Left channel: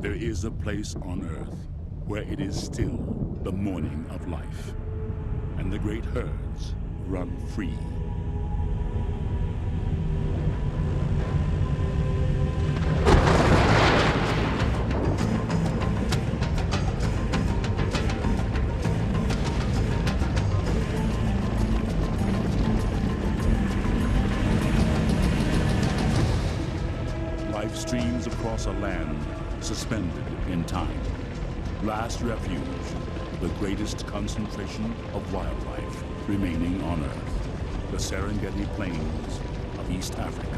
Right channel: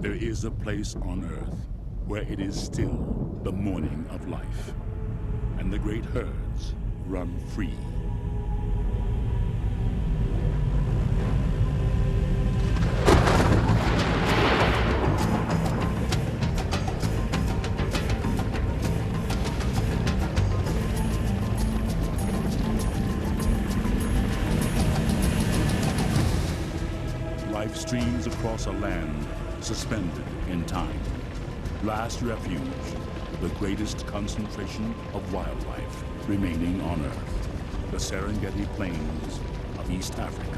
There is a place on Earth where it is still the morning of life, and the great herds run free. Life streams across a land suspended in time. Last refuge, the greatest concentration of wildlife remaining on Earth, the Serengeti Plains of East Africa.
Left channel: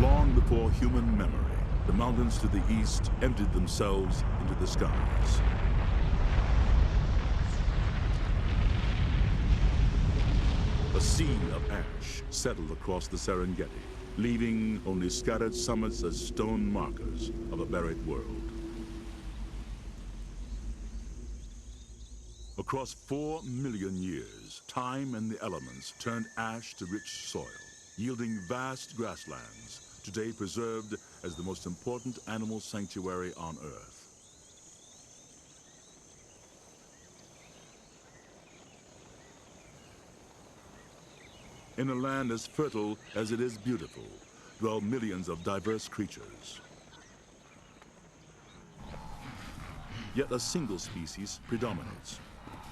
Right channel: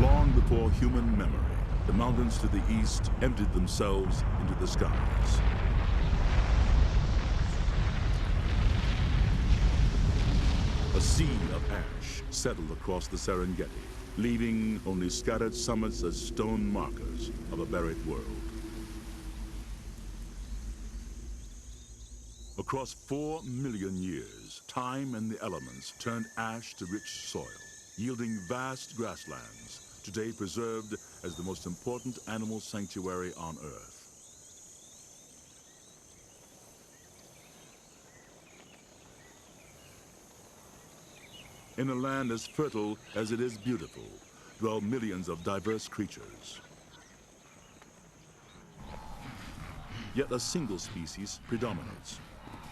Long before human memory, the mountains to the east emptied themselves into the skies. A sea of ash settled across the Serengeti, leaving only scattered summits as stone markers of a buried world. Across 4 million years, time and the elements turned ash to rich soil, yielding vast grasslands, today preserved as the most important animal sanctuary on Earth. In a land as fertile as it is beautiful, dwell millions of diverse creatures. Yet a single species predominates,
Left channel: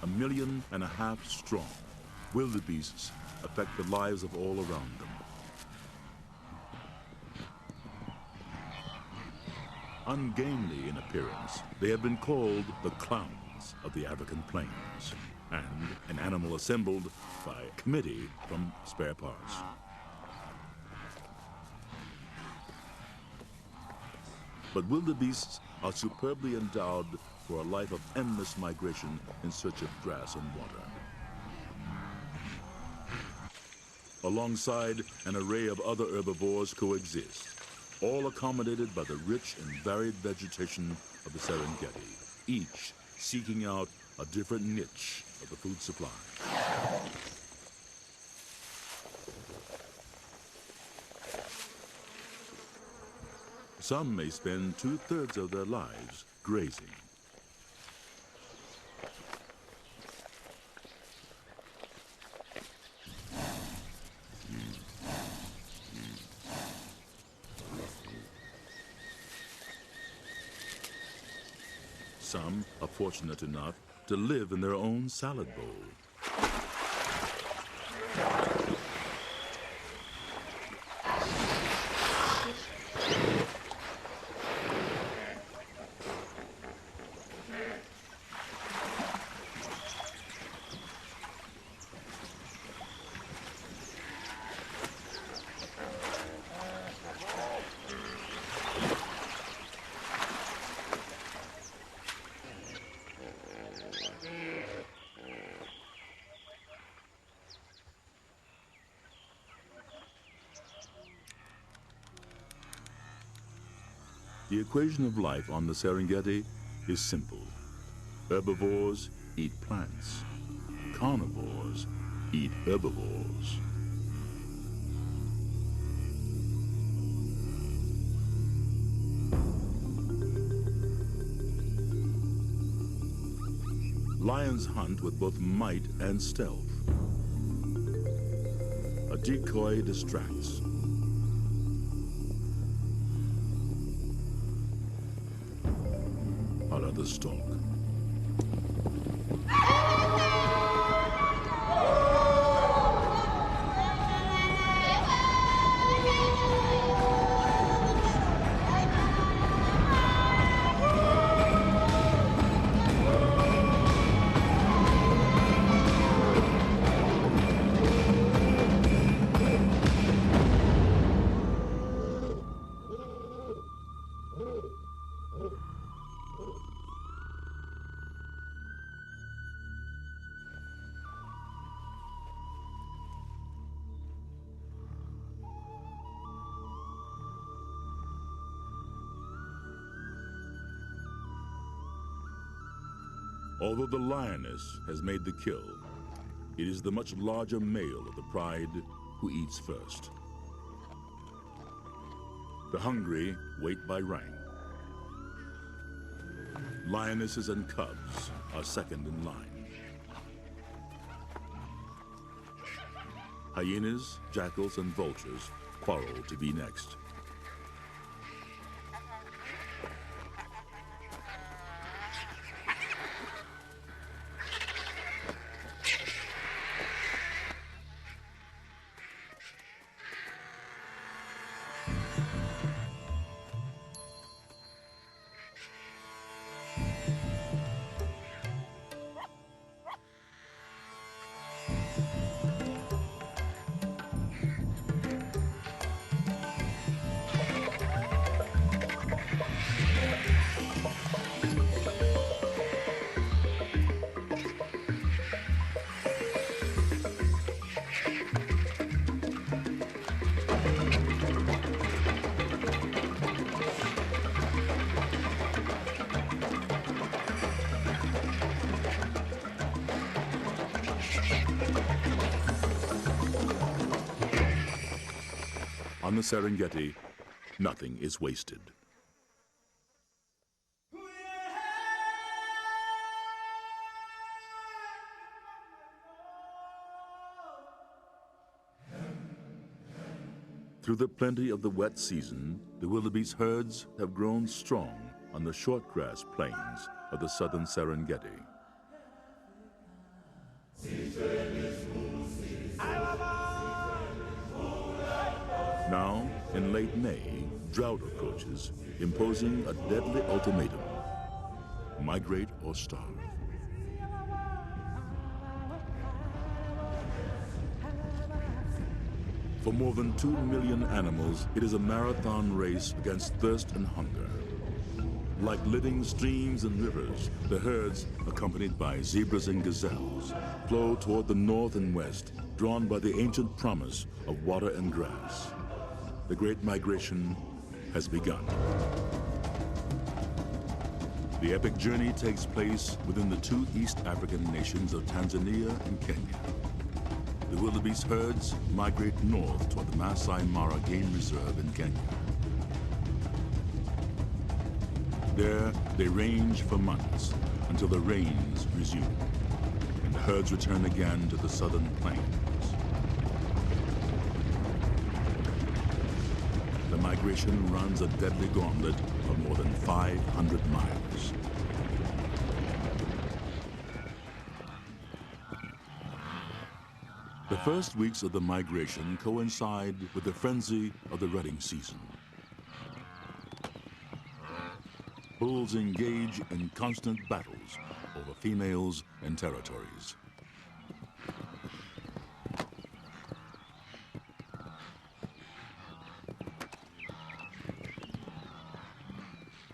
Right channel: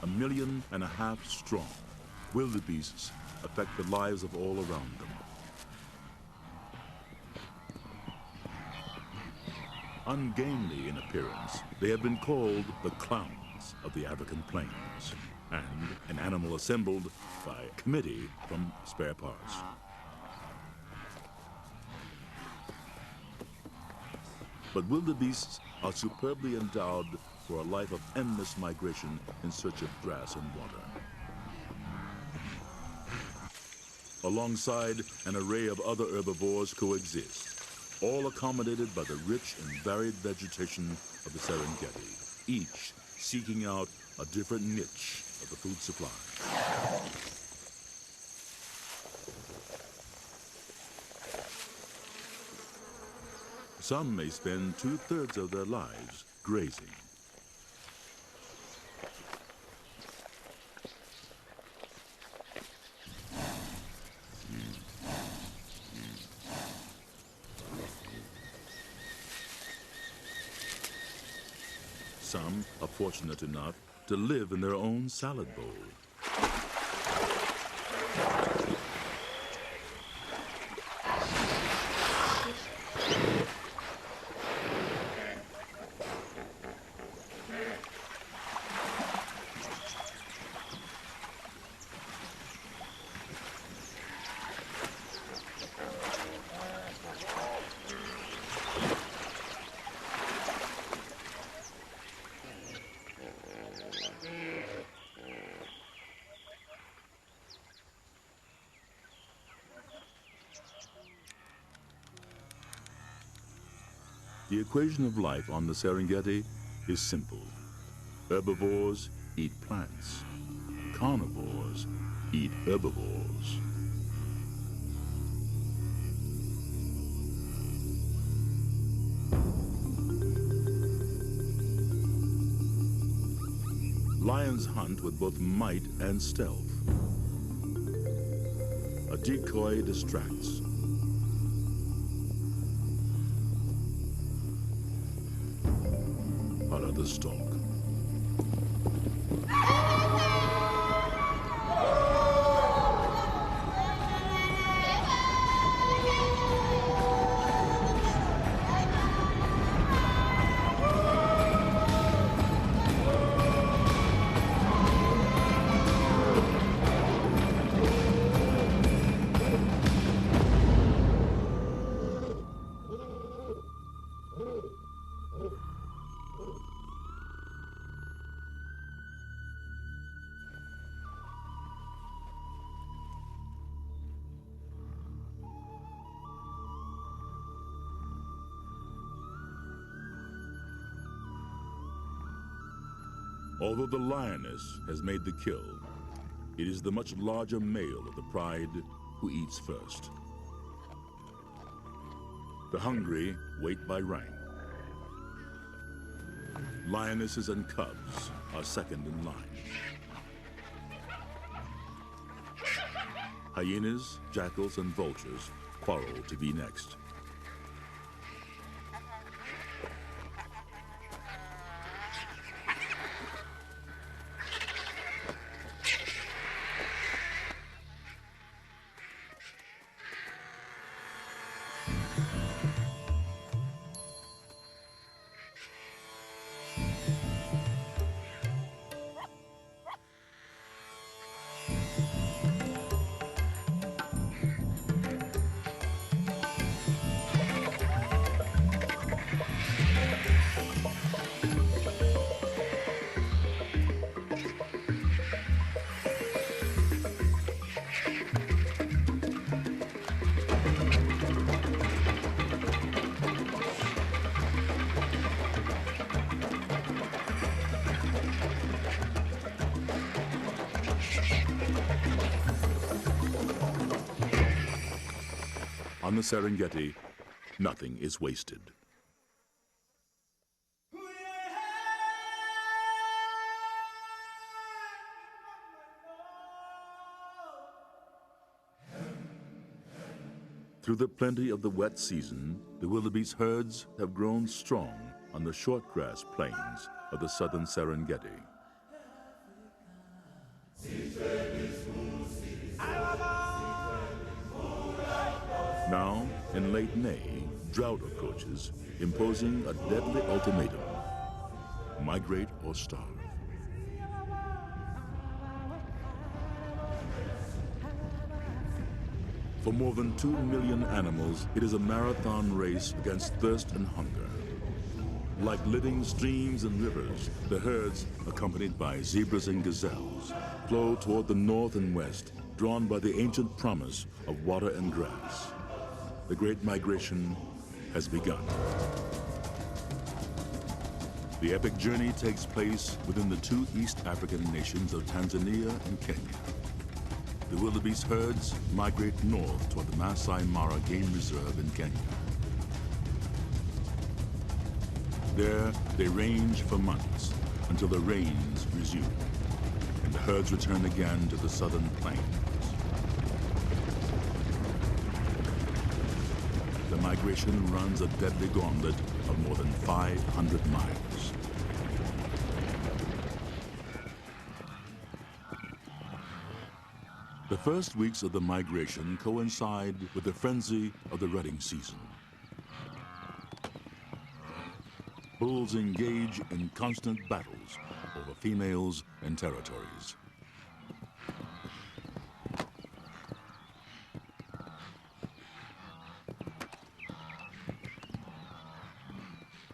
1.5 million strong. Wildebeests affect the lives of all around them. Ungainly in appearance, they have been called the clowns of the African plains, and an animal assembled by a committee from spare parts. But wildebeests are superbly endowed for a life of endless migration in search of grass and water. Alongside an array of other herbivores coexist, all accommodated by the rich and varied vegetation of the Serengeti, each seeking out a different niche of the food supply. Some may spend 2/3 of their lives grazing. Some are fortunate enough to live in their own salad bowl. The equation of life on the Serengeti is simple. Herbivores eat plants. Carnivores eat herbivores. Lions hunt with both might and stealth. A decoy distracts. the stalk. Although the lioness has made the kill, it is the much larger male of the pride who eats first. The hungry wait by rank. Lionesses and cubs are second in line. Hyenas, jackals, and vultures quarrel to be next. On the Serengeti, nothing is wasted. Through the plenty of the wet season, the wildebeest herds have grown strong on the shortgrass plains of the southern Serengeti. Now, in late May, drought approaches, imposing a deadly ultimatum: migrate or starve. For more than 2 million animals, it is a marathon race against thirst and hunger. Like living streams and rivers, the herds, accompanied by zebras and gazelles, flow toward the north and west, drawn by the ancient promise of water and grass. The Great Migration has begun. The epic journey takes place within the two East African nations of Tanzania and Kenya. The wildebeest herds migrate north toward the Masai Mara Game Reserve in Kenya. There, they range for months until the rains resume, and the herds return again to the southern plains. The migration runs a deadly gauntlet of more than 500 miles. The first weeks of the migration coincide with the frenzy of the rutting season. Bulls engage in constant battles over females and territories.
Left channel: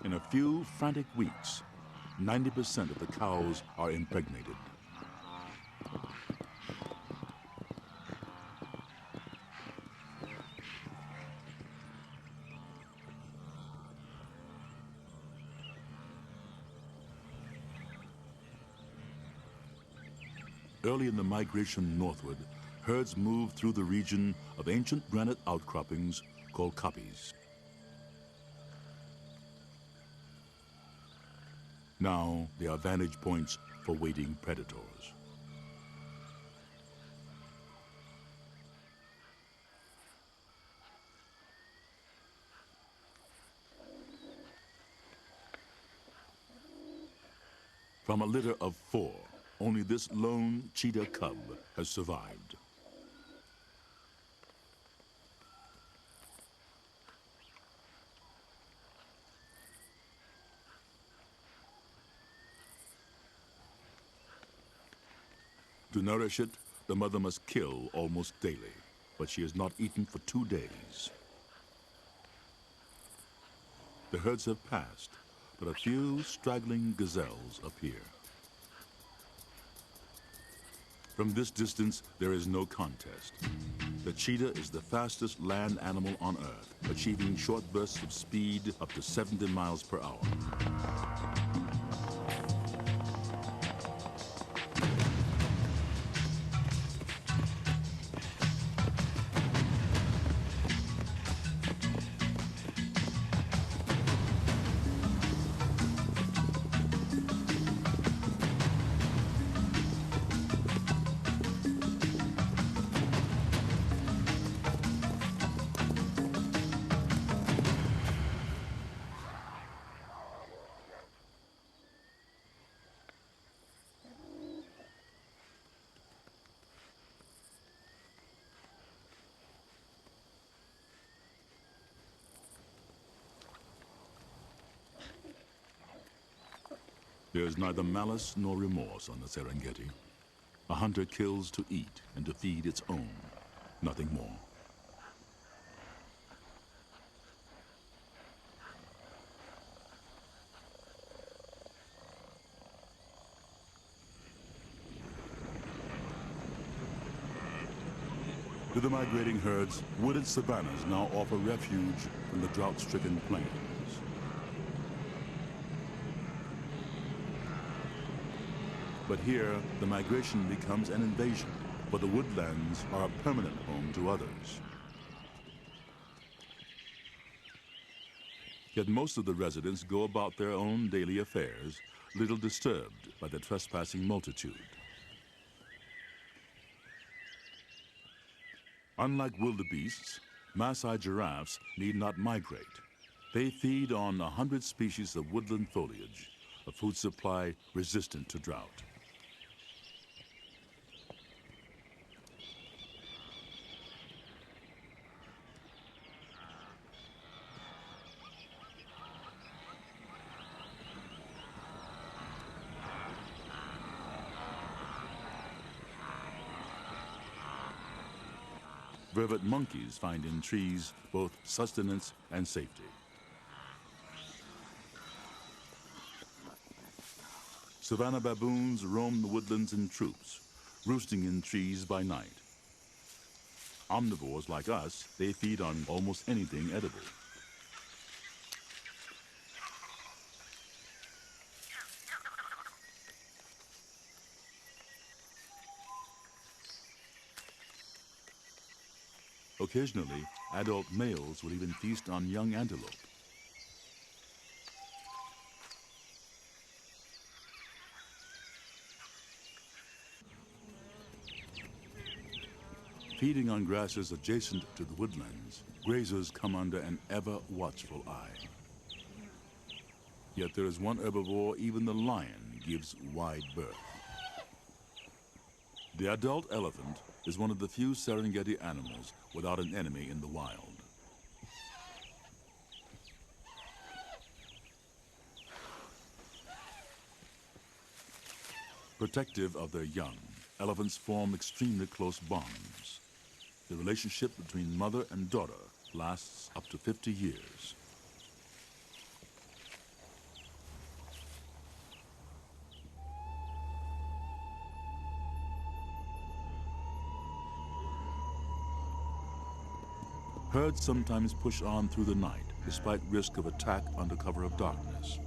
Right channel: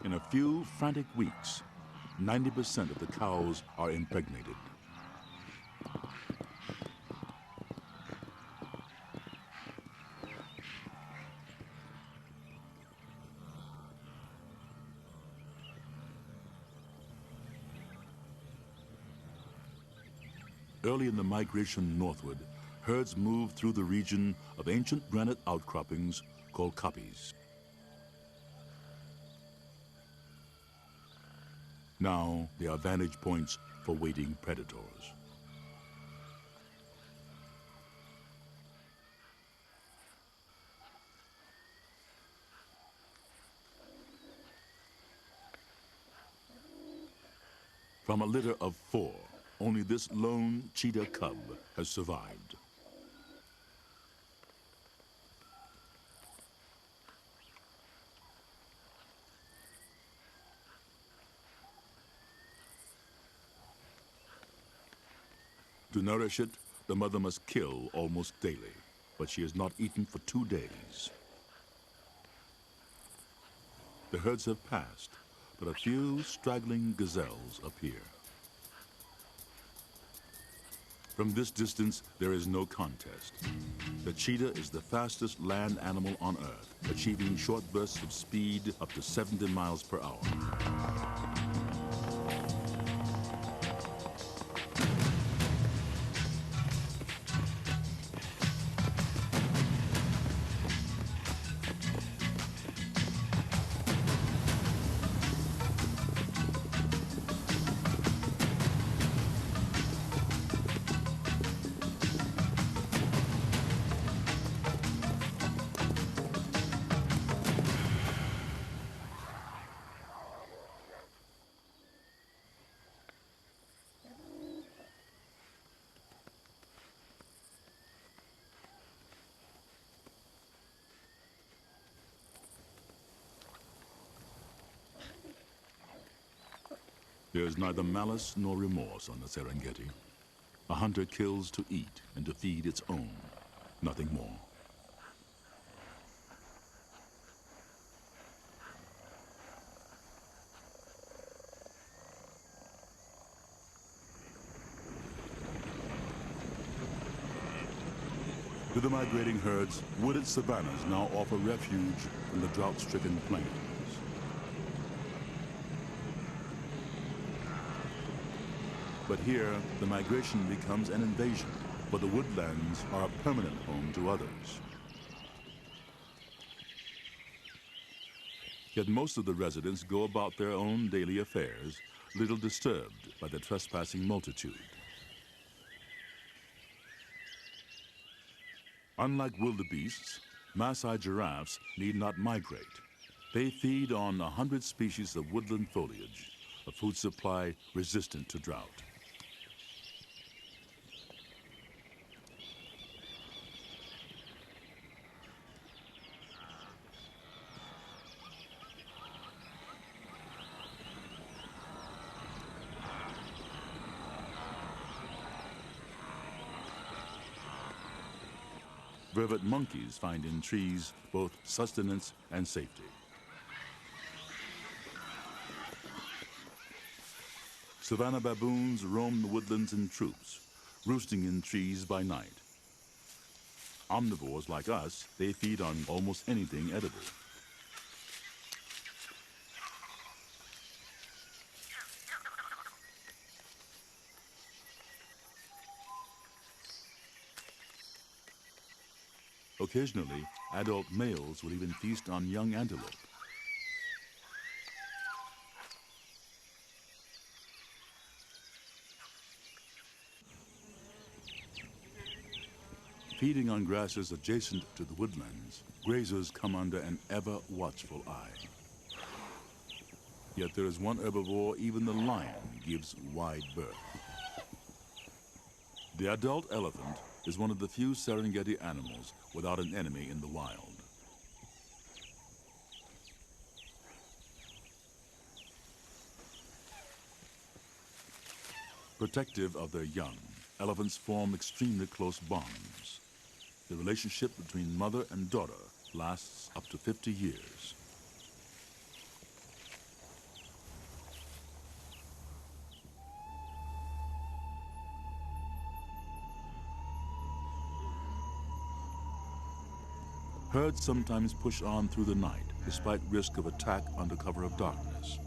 In a few frantic weeks, 90% of the cows are impregnated. Early in the migration northward, herds move through the region of ancient granite outcroppings called kopjes. Now they are vantage points for waiting predators. From a litter of 4, only this lone cheetah cub has survived. To nourish it, the mother must kill almost daily, but she has not eaten for 2 days. The herds have passed, but a few straggling gazelles appear. From this distance, there is no contest. The cheetah is the fastest land animal on Earth, achieving short bursts of speed up to 70 miles per hour. There is neither malice nor remorse on the Serengeti. A hunter kills to eat and to feed its own, nothing more. To the migrating herds, wooded savannas now offer refuge from the drought-stricken plains. But here, the migration becomes an invasion, for the woodlands are a permanent home to others. Yet most of the residents go about their own daily affairs, little disturbed by the trespassing multitude. Unlike wildebeests, Maasai giraffes need not migrate. They feed on 100 species of woodland foliage, a food supply resistant to drought. Vervet monkeys find in trees both sustenance and safety. Savanna baboons roam the woodlands in troops, roosting in trees by night. Omnivores like us, they feed on almost anything edible. Occasionally, adult males will even feast on young antelope. Feeding on grasses adjacent to the woodlands, grazers come under an ever-watchful eye. Yet there is one herbivore even the lion gives wide berth. The adult elephant is one of the few Serengeti animals without an enemy in the wild. Protective of their young, elephants form extremely close bonds. The relationship between mother and daughter lasts up to 50 years. Herds sometimes push on through the night, despite risk of attack under cover of darkness.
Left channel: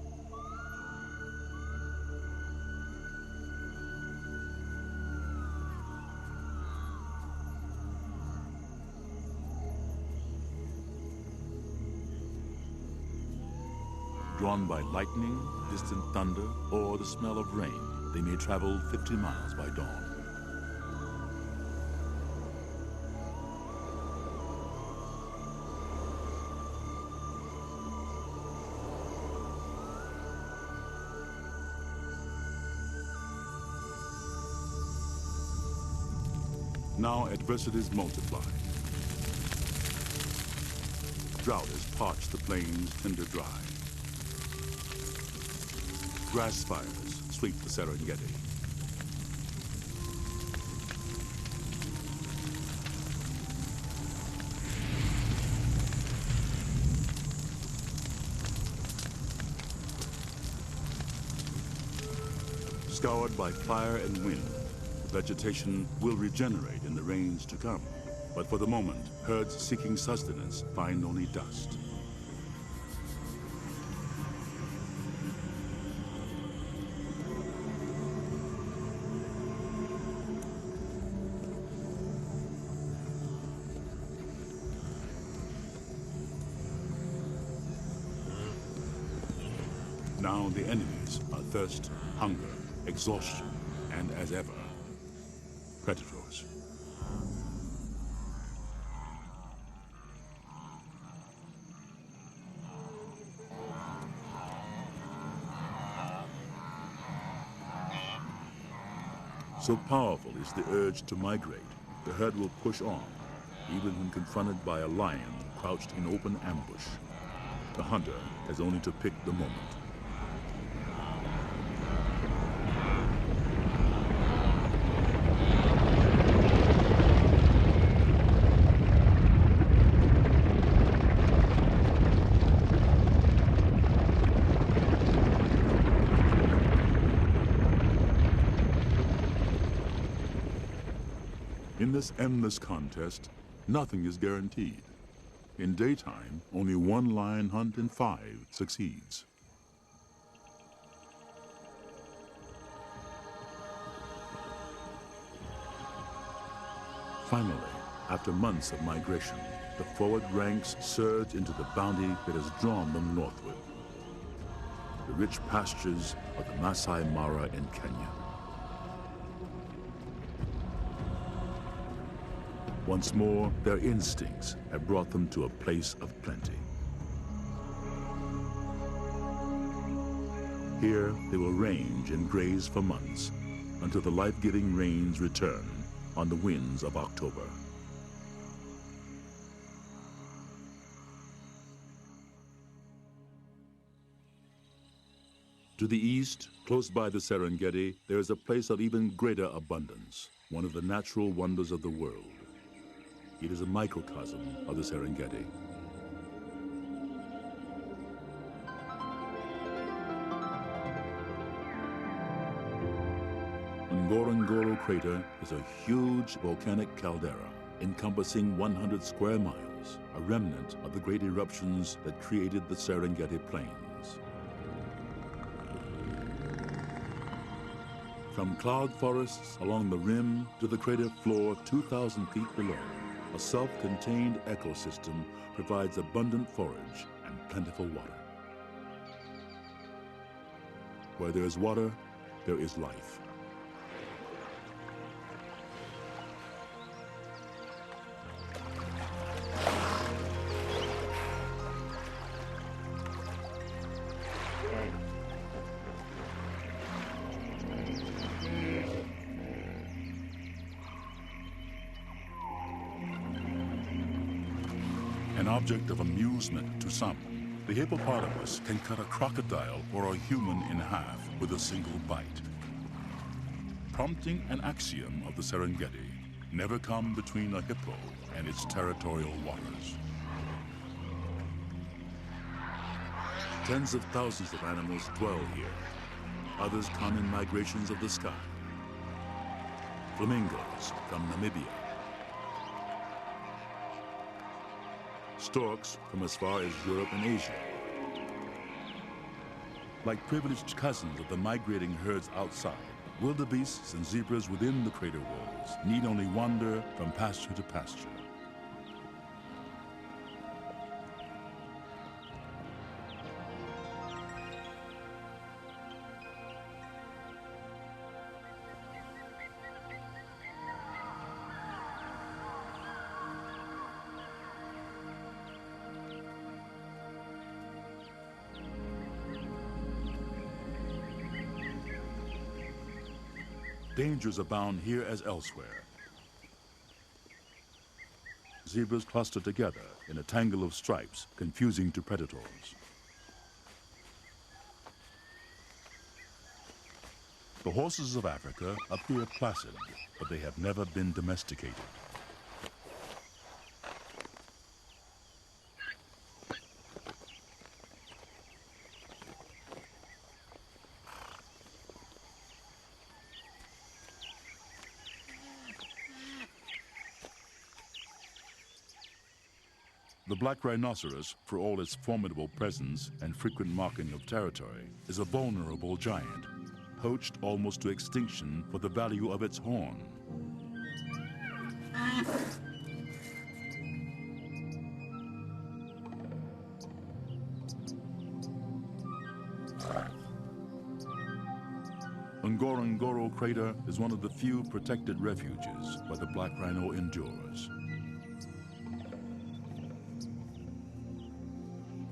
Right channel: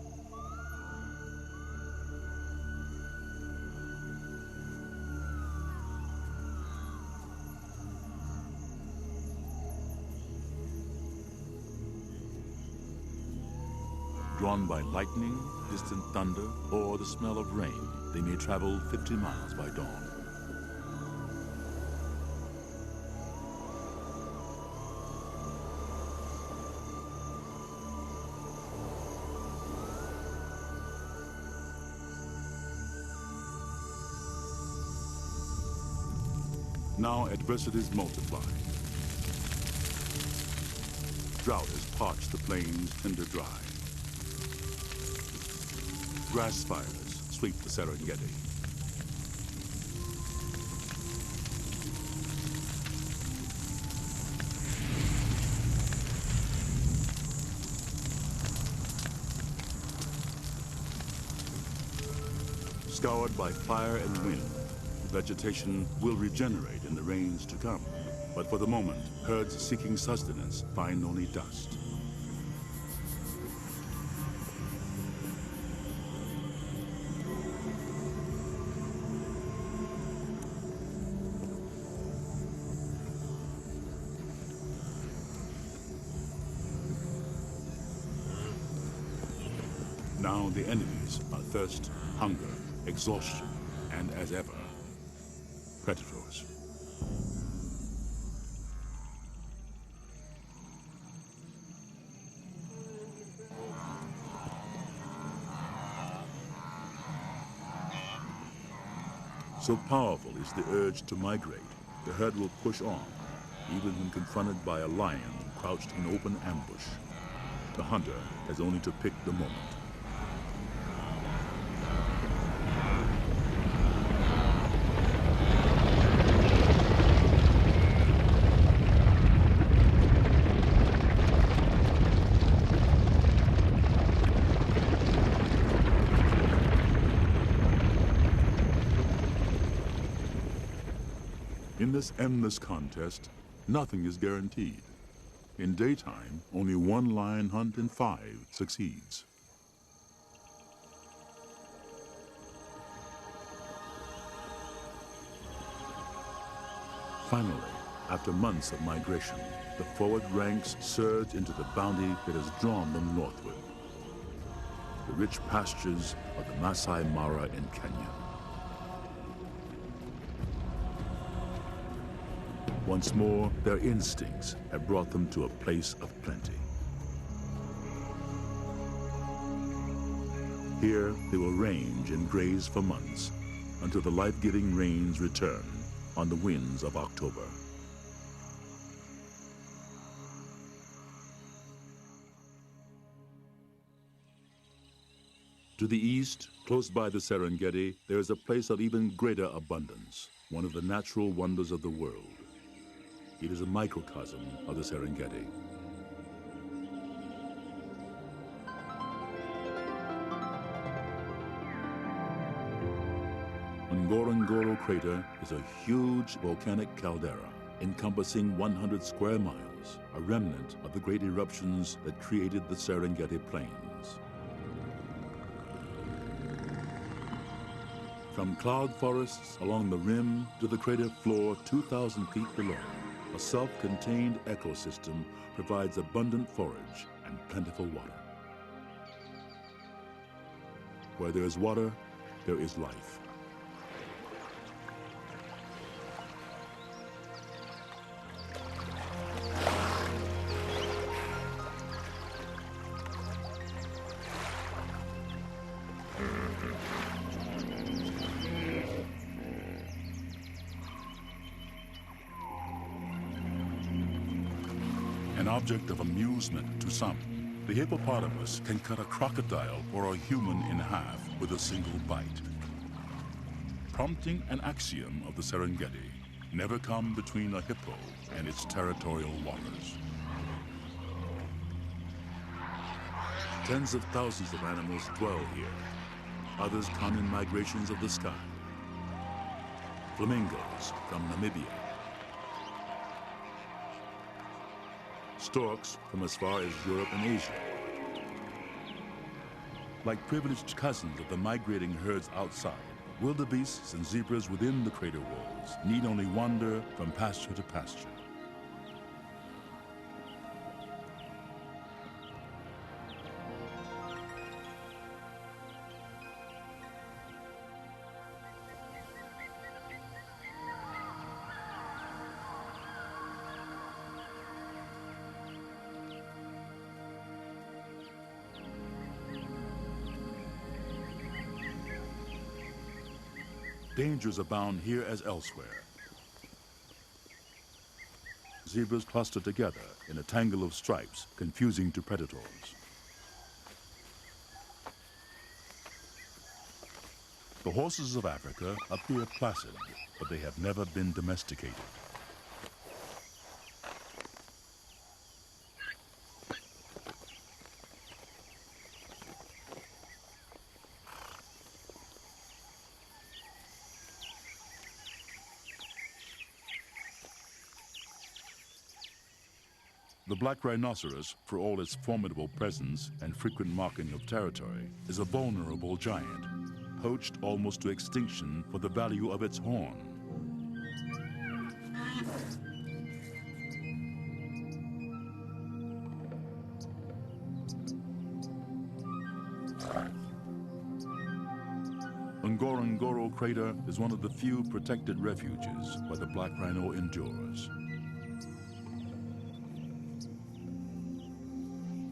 Drawn by lightning, distant thunder, or the smell of rain, they may travel 50 miles by dawn. Now adversities multiply. Drought has parched the plains tinder dry. Grass fires sweep the Serengeti. Scoured by fire and wind, the vegetation will regenerate in the rains to come. But for the moment, herds seeking sustenance find only dust. Now the enemies are thirst, hunger, exhaustion, and as ever, predators. So powerful is the urge to migrate, the herd will push on, even when confronted by a lion crouched in open ambush. The hunter has only to pick the moment. In this endless contest, nothing is guaranteed. In daytime, only one lion hunt in 5 succeeds. Finally, after months of migration, the forward ranks surge into the bounty that has drawn them northward. The rich pastures of the Masai Mara in Kenya. Once more, their instincts have brought them to a place of plenty. Here, they will range and graze for months until the life-giving rains return on the winds of October. To the east, close by the Serengeti, there is a place of even greater abundance, one of the natural wonders of the world. It is a microcosm of the Serengeti. Ngorongoro crater is a huge volcanic caldera encompassing 100 square miles, a remnant of the great eruptions that created the Serengeti plains. From cloud forests along the rim to the crater floor 2,000 feet below, a self-contained ecosystem provides abundant forage and plentiful water. Where there is water, there is life. An object of amusement to some, the hippopotamus can cut a crocodile or a human in half with a single bite. Prompting an axiom of the Serengeti, never come between a hippo and its territorial waters. Tens of thousands of animals dwell here. Others come in migrations of the sky. Flamingos from Namibia. Storks from as far as Europe and Asia. Like privileged cousins of the migrating herds outside, wildebeests and zebras within the crater walls need only wander from pasture to pasture. Dangers abound here as elsewhere. zebras cluster together in a tangle of stripes, confusing to predators. The horses of Africa appear placid, but they have never been domesticated. The black rhinoceros, for all its formidable presence and frequent marking of territory, is a vulnerable giant, poached almost to extinction for the value of its horn. Ngorongoro crater is one of the few protected refuges where the black rhino endures.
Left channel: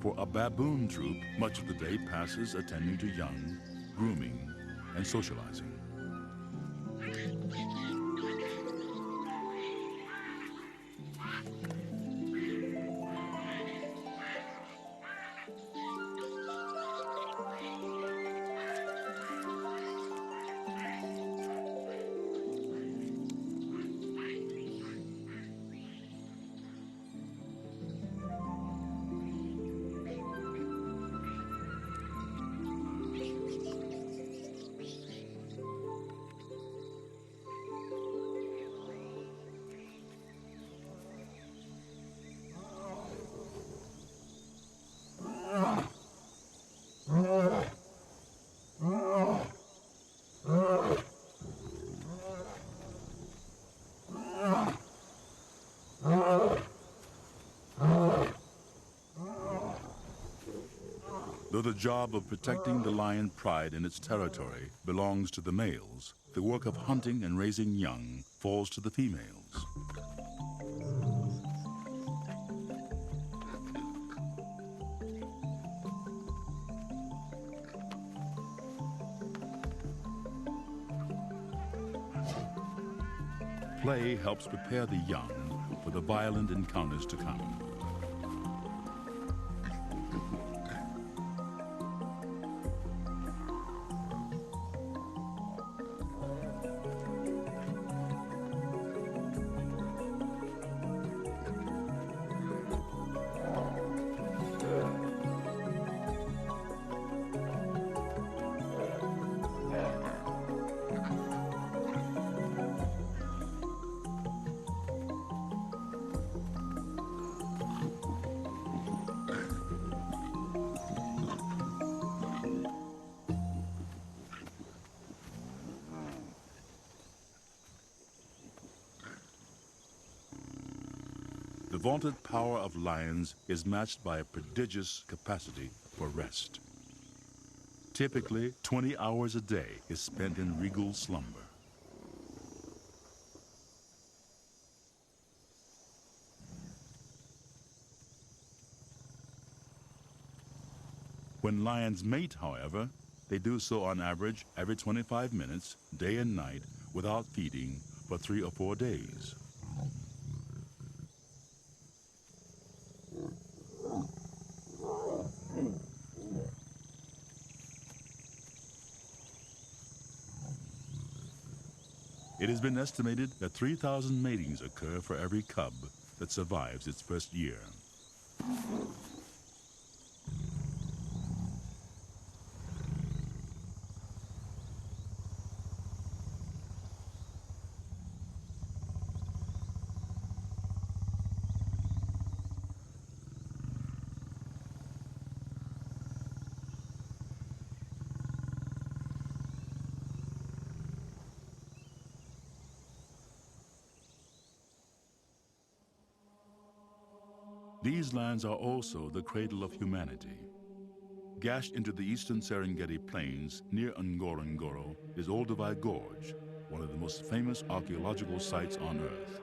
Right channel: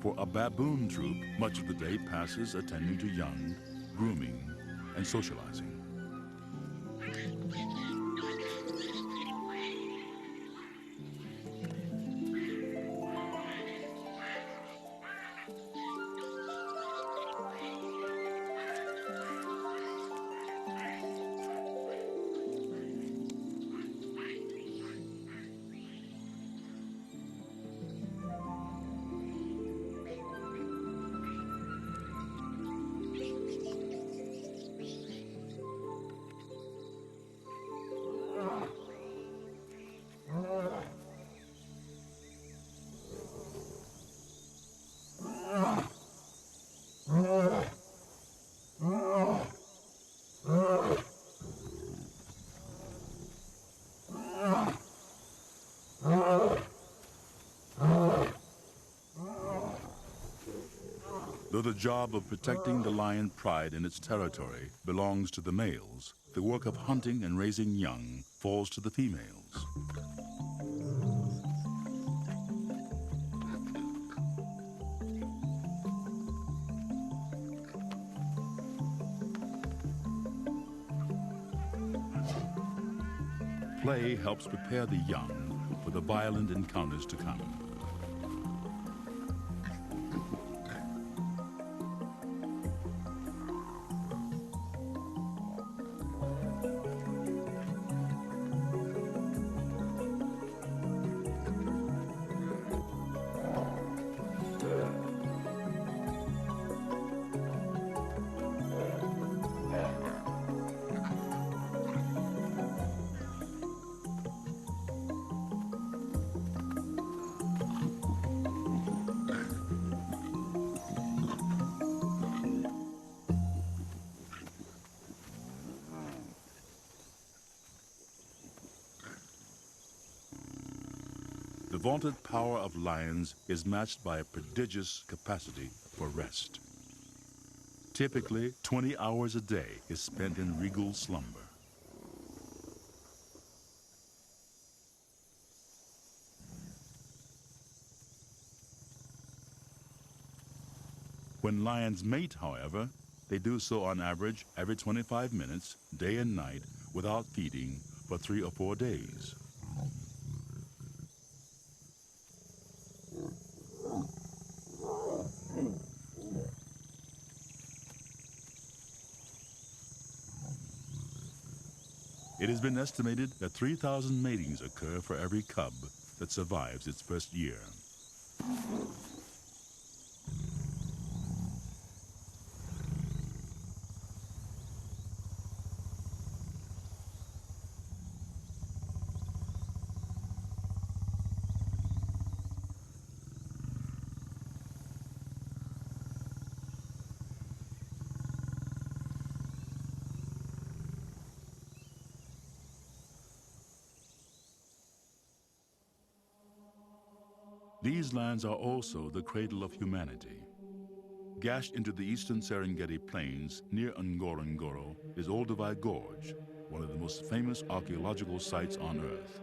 For a baboon troop, much of the day passes attending to young, grooming, and socializing. Though the job of protecting the lion pride in its territory belongs to the males, the work of hunting and raising young falls to the females. Play helps prepare the young for the violent encounters to come. The vaunted power of lions is matched by a prodigious capacity for rest. Typically, 20 hours a day is spent in regal slumber. When lions mate, however, they do so on average every 25 minutes, day and night, without feeding for 3 or 4 days. It has been estimated that 3,000 matings occur for every cub that survives its first year. These lands are also the cradle of humanity. Gashed into the eastern Serengeti plains near Ngorongoro is Olduvai Gorge, one of the most famous archaeological sites on Earth.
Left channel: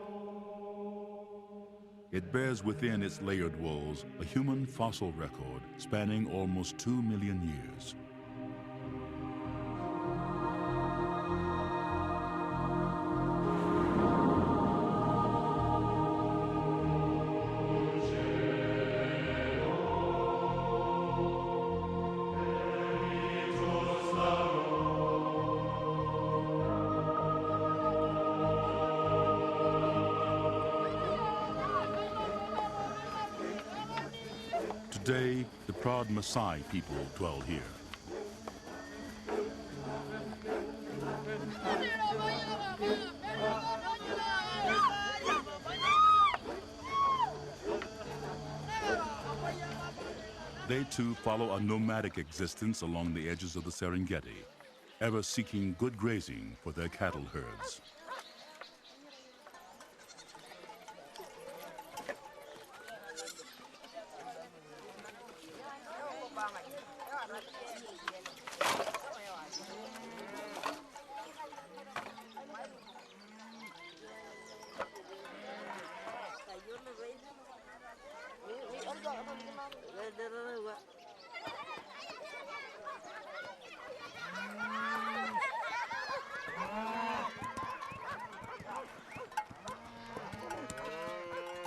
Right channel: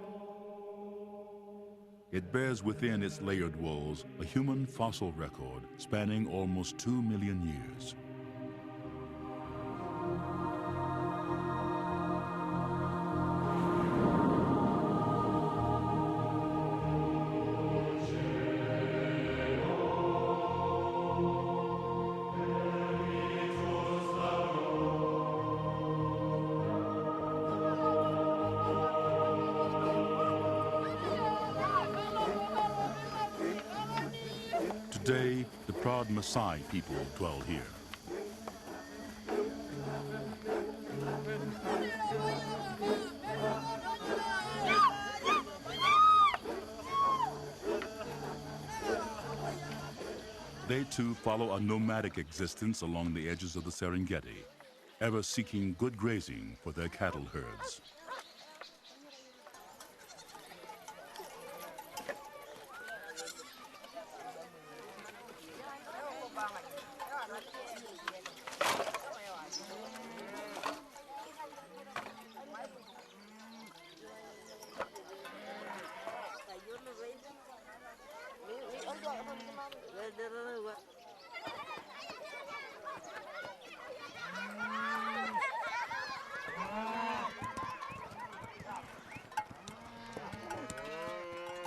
It bears within its layered walls a human fossil record spanning almost 2 million years. Today, the proud Maasai people dwell here. They too follow a nomadic existence along the edges of the Serengeti, ever seeking good grazing for their cattle herds.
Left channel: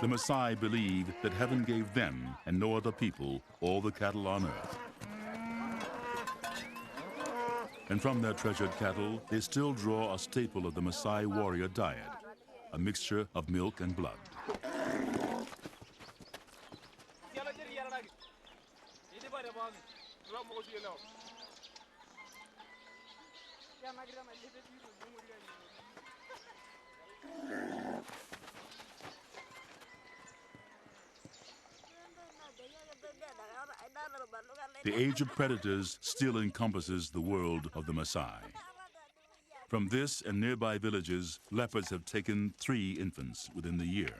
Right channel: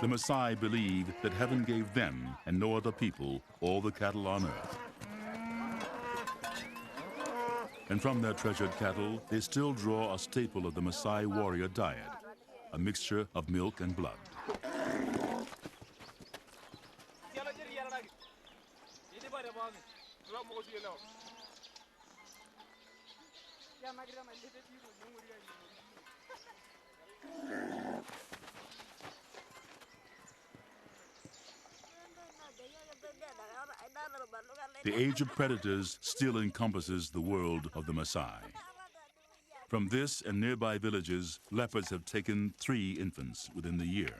The Maasai believe that heaven gave them, and no other people, all the cattle on earth. And from their treasured cattle, they still draw a staple of the Maasai warrior diet, a mixture of milk and blood. The age of predators still encompasses the world of the Maasai. From this and nearby villages, leopards have taken 3 infants within the year.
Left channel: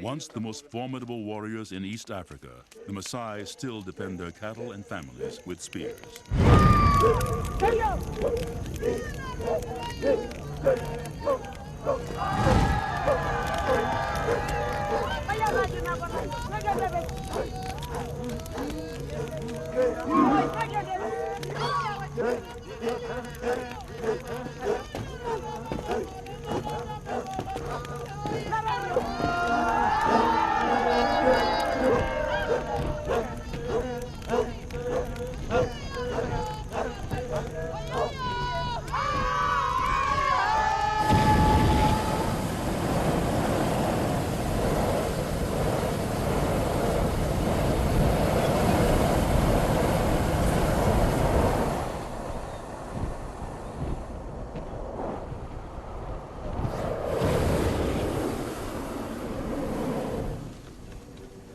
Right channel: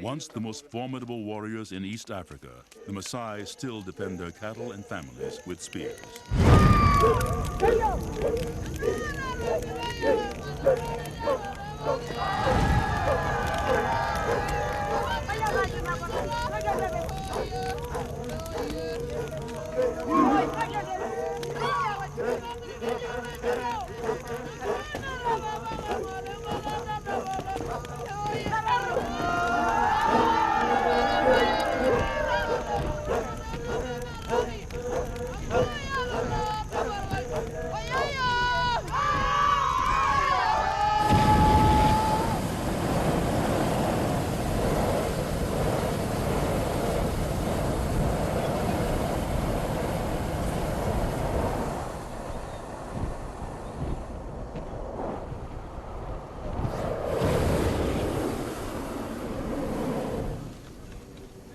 Once the most formidable warriors in East Africa, the Maasai still defend their cattle and families with spears.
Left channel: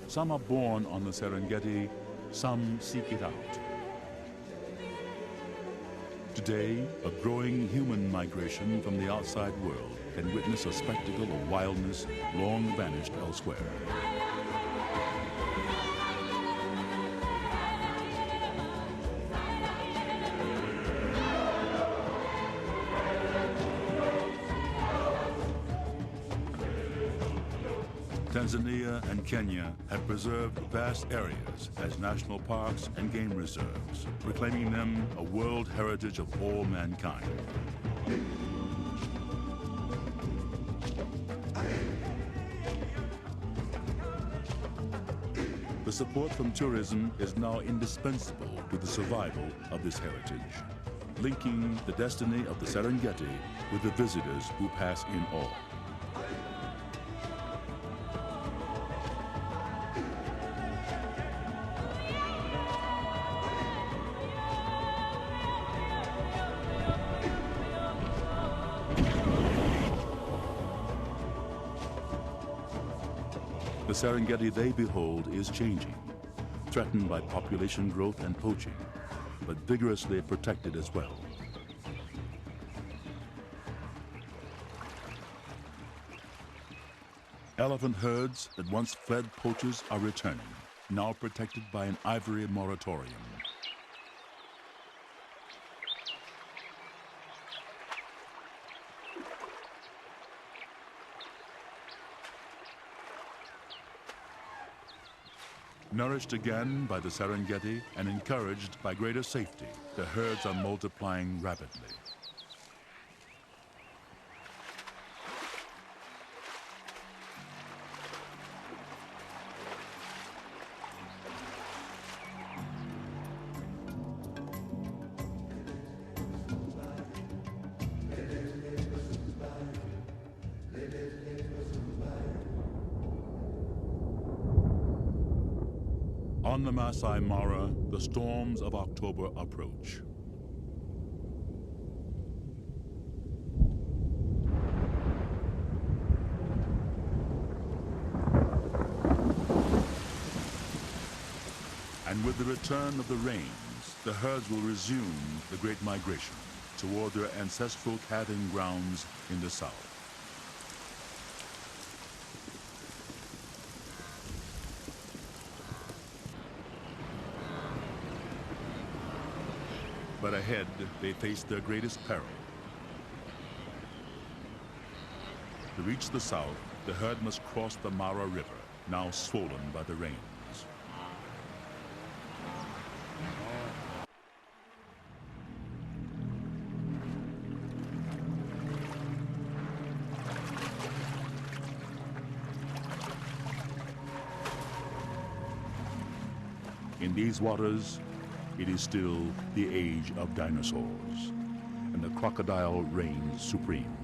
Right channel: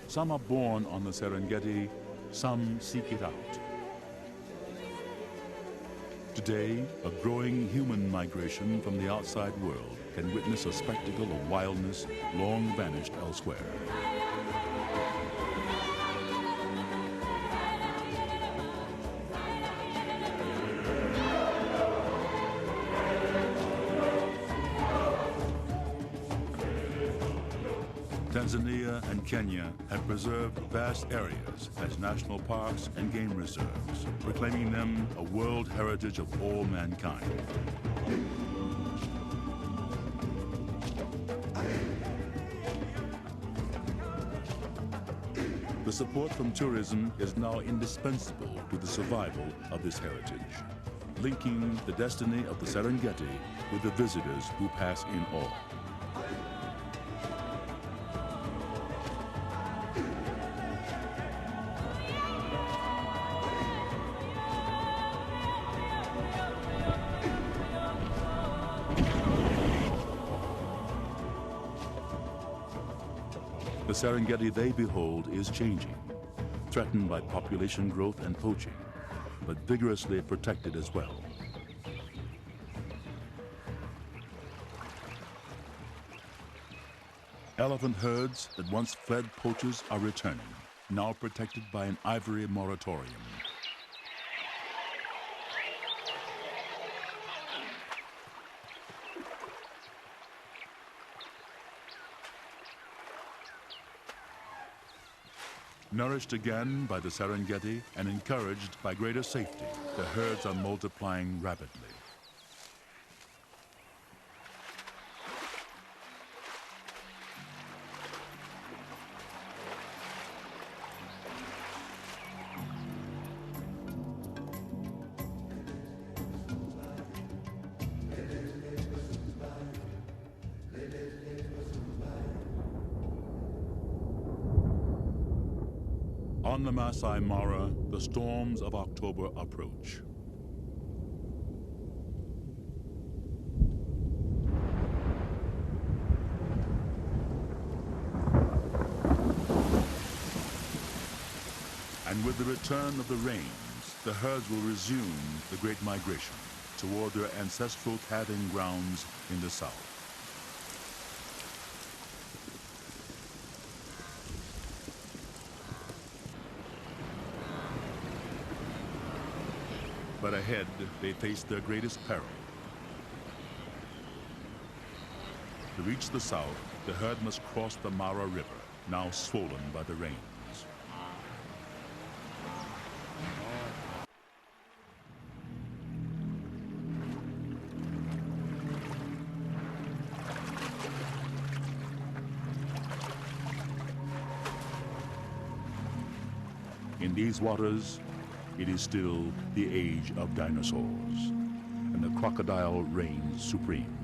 Some are born on the Serengeti, some seek it out. Today, a growing human migration from the outside world can witness a spectacle of wildness long vanished elsewhere. Tanzania and Kenya have preserved vast areas as national parks and game reserves, proclaiming them a world heritage of all mankind. The support from tourism is now indispensable to the survival of this heritage, linking the destiny of the Serengeti with the visitors who pass in awe. The Serengeti they behold is changing, threatened by population growth and poaching, but vigorously protected as well. Elephant herds that once fled poachers are returning, now protected by an ivory moratorium. Nourished again by the Serengeti and encouraged by greater safety, the herds are multiplying rapidly. On the Masai Mara, the storms of October approach. And with the return of the rains, the herds will resume the great migration toward their ancestral calving grounds in the south. But ahead, they face their greatest peril. To reach the south, the herd must cross the Mara River, now swollen by the rains. In these waters, it is still the age of dinosaurs, and the crocodile reigns supreme.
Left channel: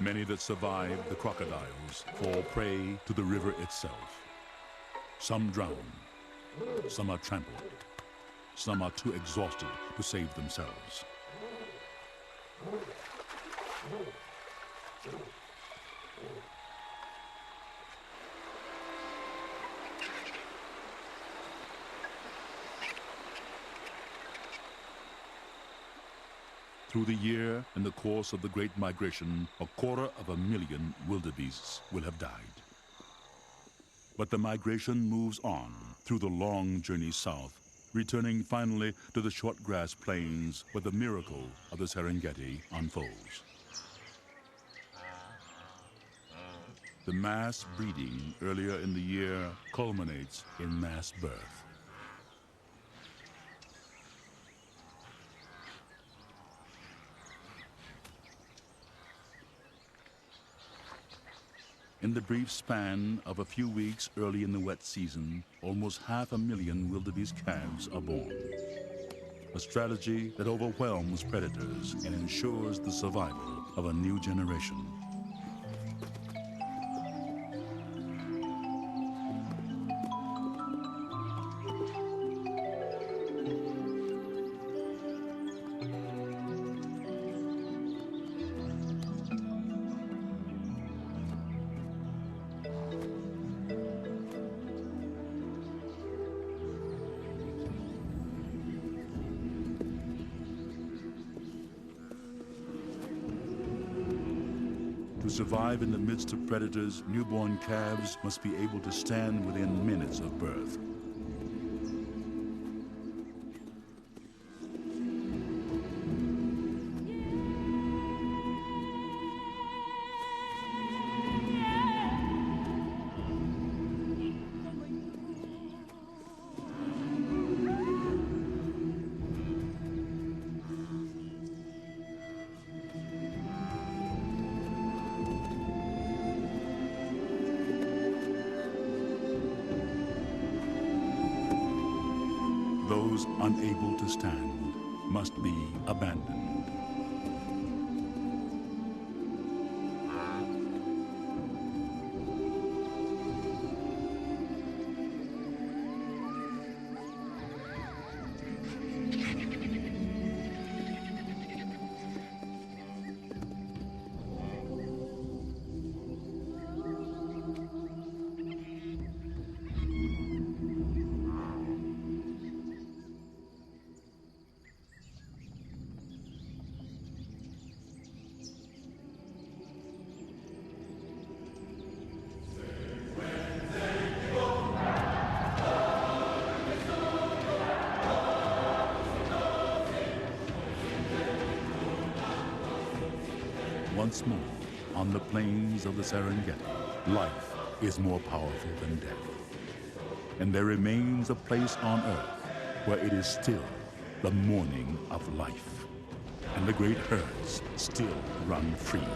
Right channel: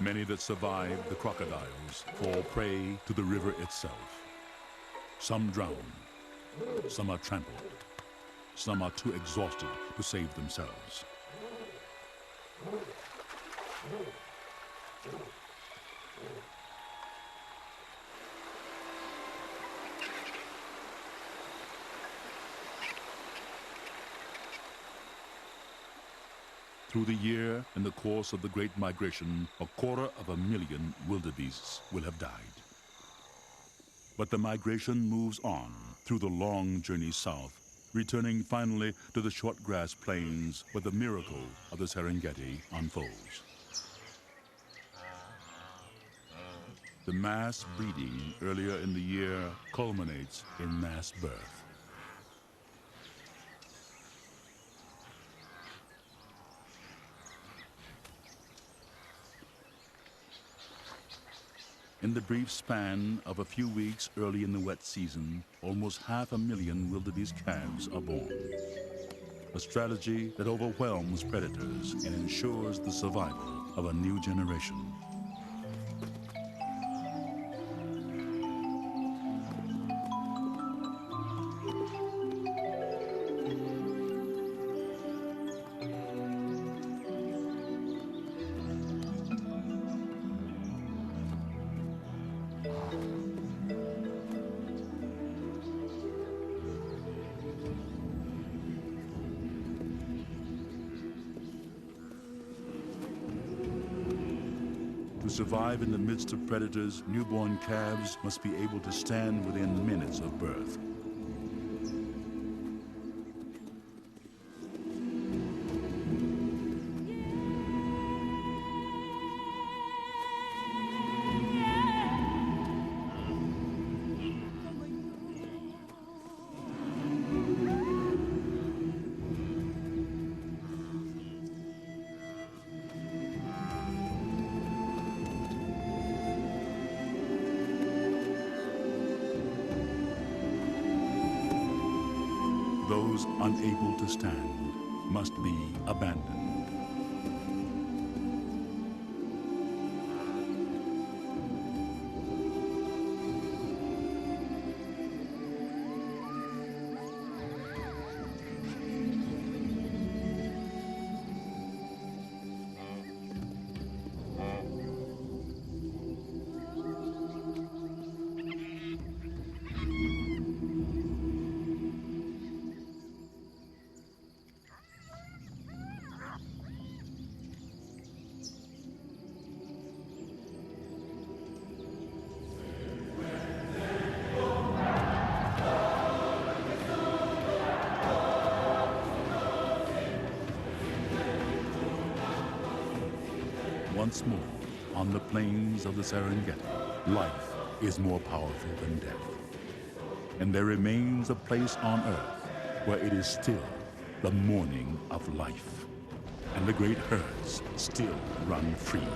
Many that survive the crocodiles fall prey to the river itself. Some drown, some are trampled, some are too exhausted to save themselves. Through the year, in the course of the Great Migration, 250,000 wildebeests will have died. But the migration moves on through the long journey south, returning finally to the short grass plains where the miracle of the Serengeti unfolds. The mass breeding earlier in the year culminates in mass birth. In the brief span of a few weeks early in the wet season, almost 500,000 wildebeest calves are born. A strategy that overwhelms predators and ensures the survival of a new generation. To survive in the midst of predators, newborn calves must be able to stand within minutes of birth. those unable to stand must be abandoned. Once more, on the plains of the Serengeti, life is more powerful than death. And there remains a place on Earth where it is still the morning of life, and the great herds still run free.